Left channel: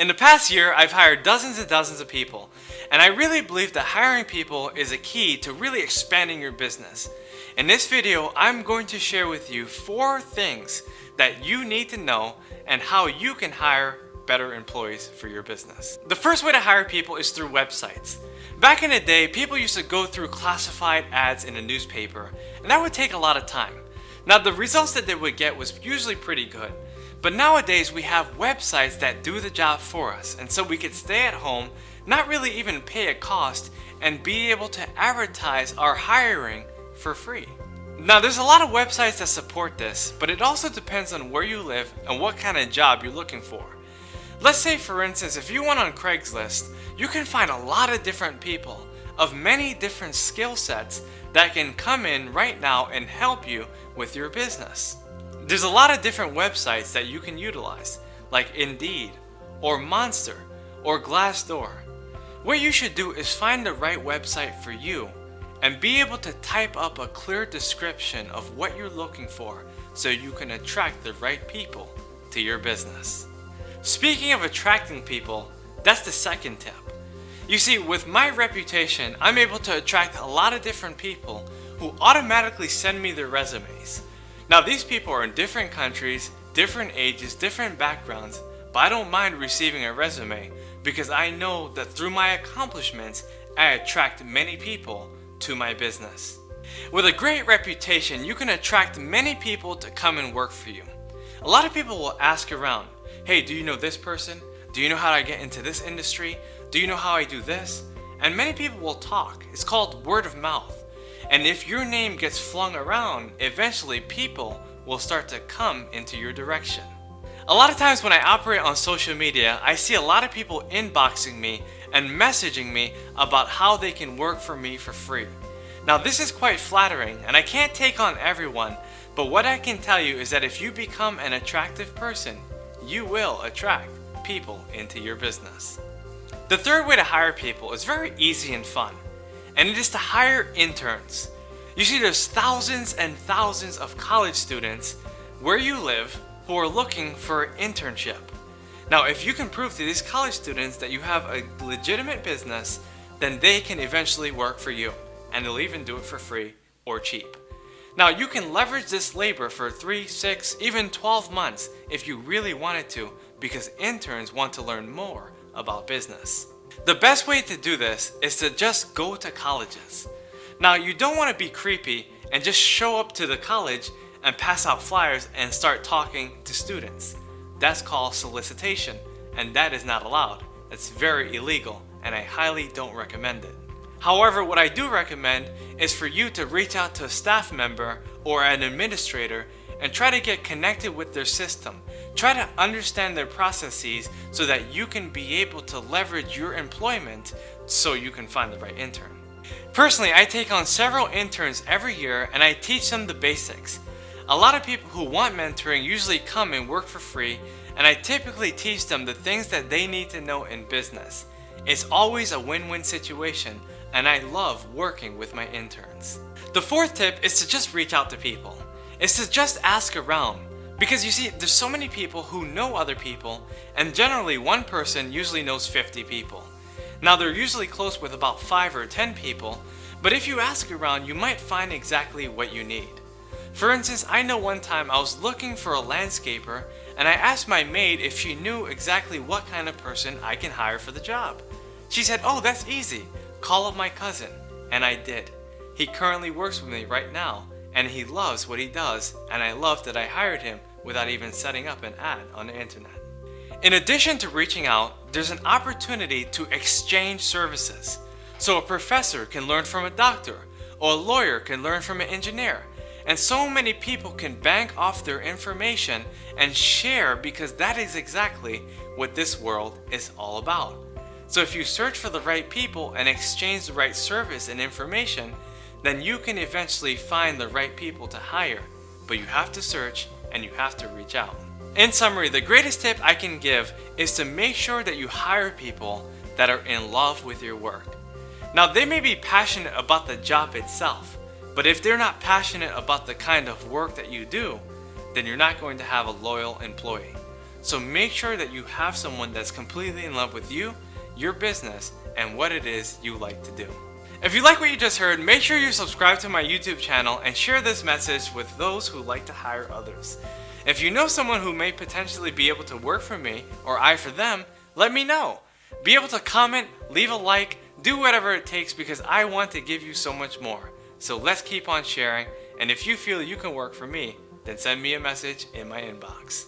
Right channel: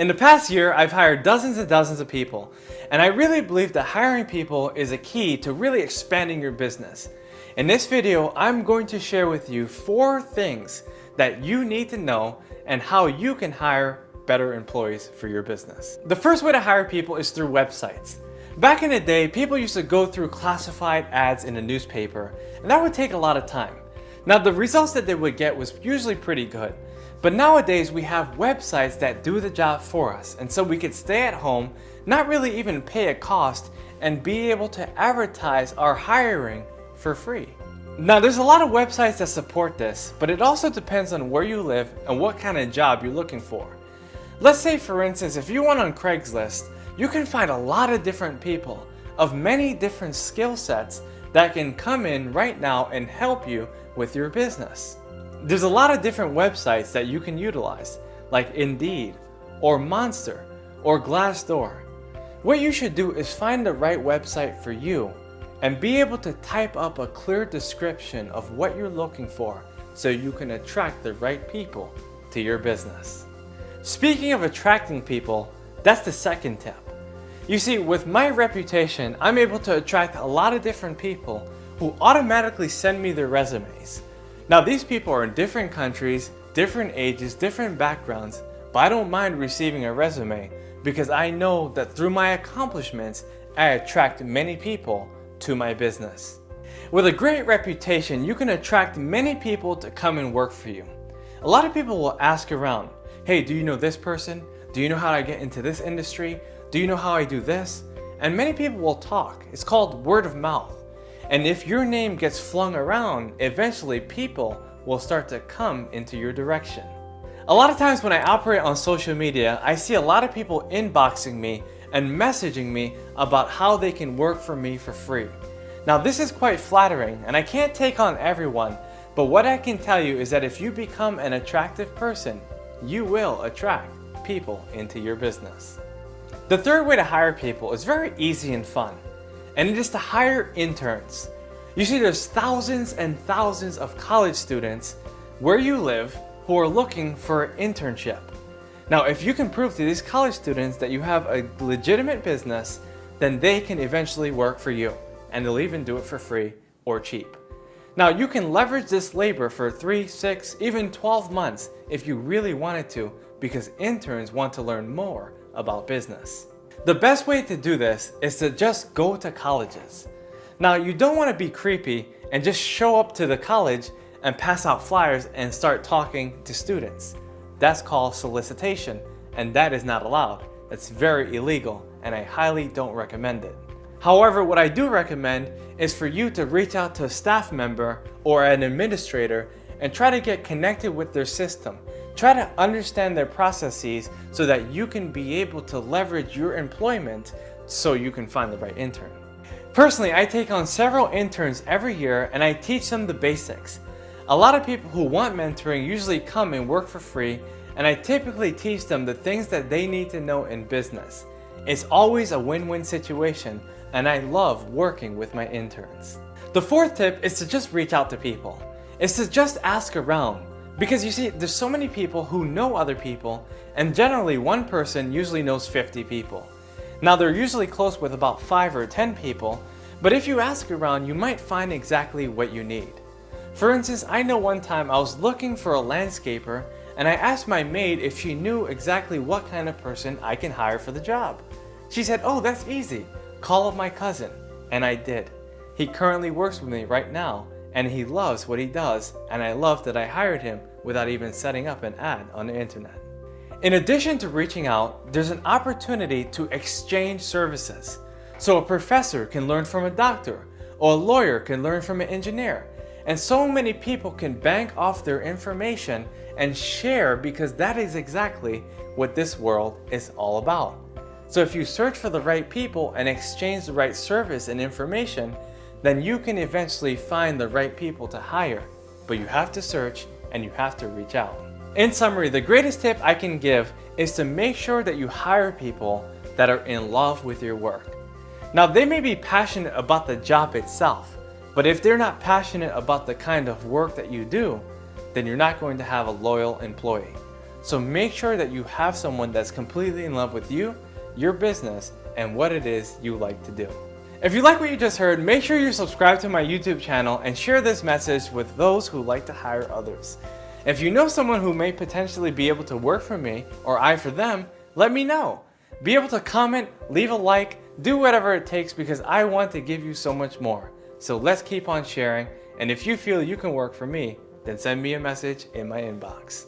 In the past year, I've hired dozens and dozens of people, and I really believe that hiring people is a key to really expanding your business. In this video, I'm going to share with you 4 things that you need to know and how you can hire better employees for your business. The first way to hire people is through websites. Back in the day, people used to go through classified ads in a newspaper, and that would take a lot of time. Now, the results that they would get was usually pretty good. But nowadays we have websites that do the job for us, and so we could stay at home, not really even pay a cost, and be able to advertise our hiring for free. Now, there's a lot of websites that support this, but it also depends on where you live and what kind of job you're looking for. Let's say, for instance, if you went on Craigslist, you can find a lot of different people of many different skill sets that can come in right now and help you with your business. There's a lot of different websites that you can utilize, like Indeed, or Monster, or Glassdoor. What you should do is find the right website for you and be able to type up a clear description of what you're looking for so you can attract the right people to your business. Speaking of attracting people, that's the second tip. You see, with my reputation, I'm able to attract a lot of different people who automatically send me their resumes. Now, these people are in different countries, different ages, different backgrounds, but I don't mind receiving a resume because I know that through my accomplishments, I attract many people to my business. With a great reputation, you can attract many people to come and work for you. A lot of people will ask around, hey, do you know this person? Do you know how I get into this industry? Do you know how I do this? And many people will talk. It's called word of mouth. And if your name gets flung around, eventually people will start to come into your direction. A lot of times when I operate on social media, I see a lot of people inboxing me and messaging me about how they can work for me for free. Now, this is quite flattering, and I can't take on everyone, but what I can tell you is that if you become an attractive person, you will attract people into your business. The third way to hire people is very easy and fun, and it is to hire interns. You see, there's thousands and thousands of college students where you live who are looking for an internship. Now, if you can prove to these college students that you have a legitimate business, then they can eventually work for you, and they'll even do it for free or cheap. Now, you can leverage this labor for 3, 6, even 12 months if you really wanted to, because interns want to learn more about business. The best way to do this is to just go to colleges. Now, you don't want to be creepy and just show up to the college and pass out flyers and start talking to students. That's called solicitation, and that is not allowed. That's very illegal, and I highly don't recommend it. However, what I do recommend is for you to reach out to a staff member or an administrator and try to get connected with their system. Try to understand their processes so that you can be able to leverage your employment so you can find the right intern. Personally, I take on several interns every year and I teach them the basics. A lot of people who want mentoring usually come and work for free, and I typically teach them the things that they need to know in business. It's always a win-win situation, and I love working with my interns. The fourth tip is to just reach out to people. It's to just ask around. Because you see, there's so many people who know other people, and generally one person usually knows 50 people. Now, they're usually close with about 5 or 10 people, but if you ask around, you might find exactly what you need. For instance, I know one time I was looking for a landscaper, and I asked my maid if she knew exactly what kind of person I can hire for the job. She said, oh, that's easy. Call up my cousin. And I did. He currently works with me right now, and he loves what he does, and I love that I hired him without even setting up an ad on the internet. In addition to reaching out, there's an opportunity to exchange services. So a professor can learn from a doctor, or a lawyer can learn from an engineer, and so many people can bank off their information and share, because that is exactly what this world is all about. So if you search for the right people and exchange the right service and information, then you can eventually find the right people to hire. But you have to search and you have to reach out. In summary, the greatest tip I can give is to make sure that you hire people that are in love with your work. Now, they may be passionate about the job itself, but if they're not passionate about the kind of work that you do, then you're not going to have a loyal employee. So make sure that you have someone that's completely in love with you, your business, and what it is you like to do. If you like what you just heard, make sure you subscribe to my YouTube channel and share this message with those who like to hire others. If you know someone who may potentially be able to work for me or I for them, let me know. Be able to comment, leave a like, do whatever it takes because I want to give you so much more. So let's keep on sharing, and if you feel you can work for me, then send me a message in my inbox.